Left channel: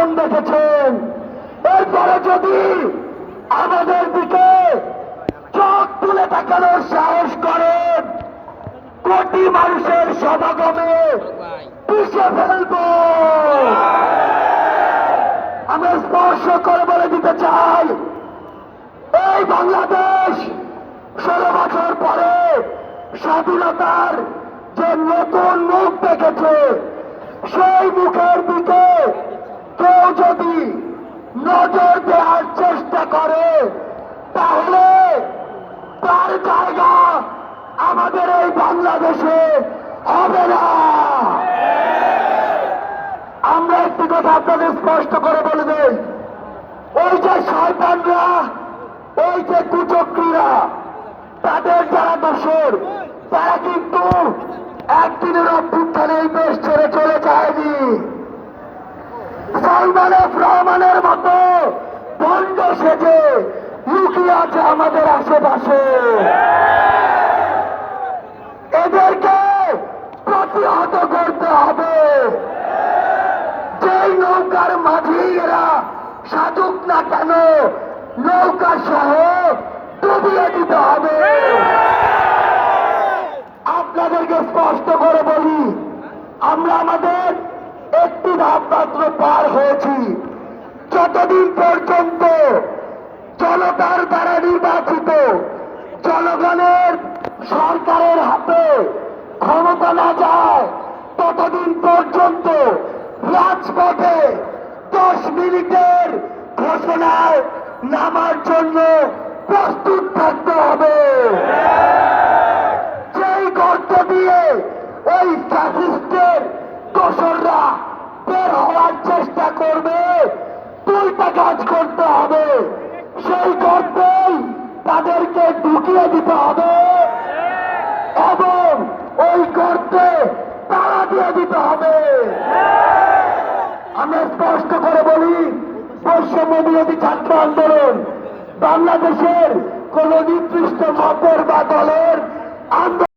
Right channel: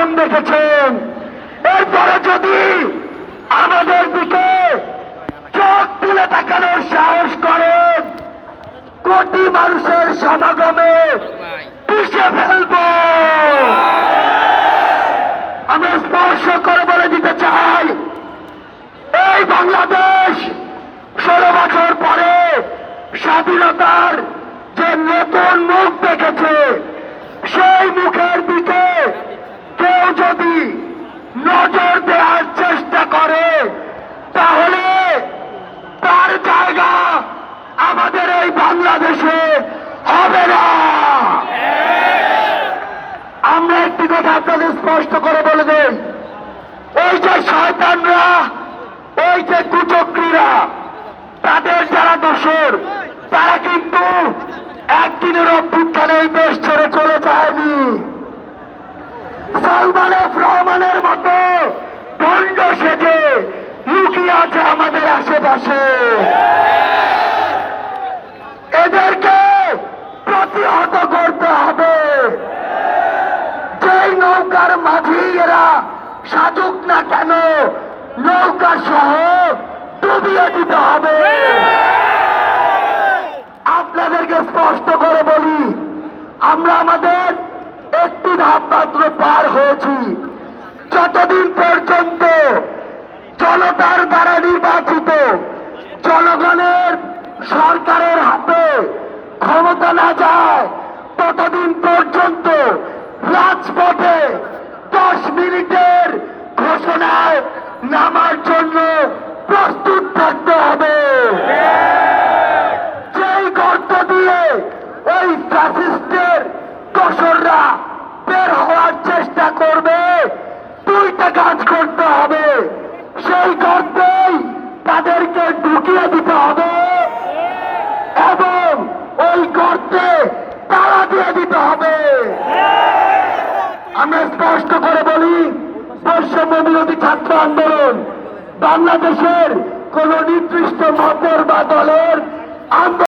নির্যাতন দেখেছেন, এরপরে যদি আমাদের দিকে চোখ তুলে তাকানোর সাহস করেন, কোটি মানুষের সমাগমে পিষে ফেলব। আমরা স্পর্শ করে বলে দিতে চাই, এই বাংলাদেশ 16 বছর পরে স্বাধীনতার যে নতুন মুখ দেখেছে, সেই মুখের দিকে কেউ যদি নজর দেওয়ার চেষ্টা করে, তাহলে তার জায়গা আমাদের এই বাংলাদেশে হবে না। আমরা একটি কথা আপনাদের স্পষ্ট করে বলে দেই, ওই যে শয়তানরা, ওই যে কুচক্রীরা, তাদের যারা দোষর, তারা কিন্তু একদিনের অভ্যুত্থানে এই দেশ ছেড়ে চলে যায়নি। সালমান এফ রহমানের মতো দণ্ড সেজে লুকিয়ে আছে আমাদের আশেপাশে। এদেরকে প্রতিহত করতে হবে। যেই নৌকার মাঝি এরা সাজুক না কেন, নৌকা সহ ডুবিয়ে দিতে হবে। আপনাদেরকে স্পষ্ট করে বলি, আমরা আমাদের একটি ধাপ মাত্র পার হয়েছি। যতদিন পর্যন্ত জনতার দ্বারা নির্বাচিত জনগণের সরকারের হাতে ক্ষমতা না যায়, ততদিন পর্যন্ত রাজপথে 10 মিনিটের ঘোষণায় নামার জন্য প্রস্তুত থাকতে হবে। যেই গর্ত দিয়ে ওই ফ্যাসিস্টের দোসররা বের হওয়ার চেষ্টা করবে, 2টা কাজ করতে হবে। সেই গর্তেই তাদেরকে ঢুকিয়ে দিতে হবে এবং ওই গর্তে তালা দিয়ে দিতে হবে। আমরা স্পষ্ট করে বলি, বৈষম্য বিরোধী ছাত্র আন্দোলন বাংলাদেশের কোন নির্দিষ্ট মতের বা দলের আন্দোলন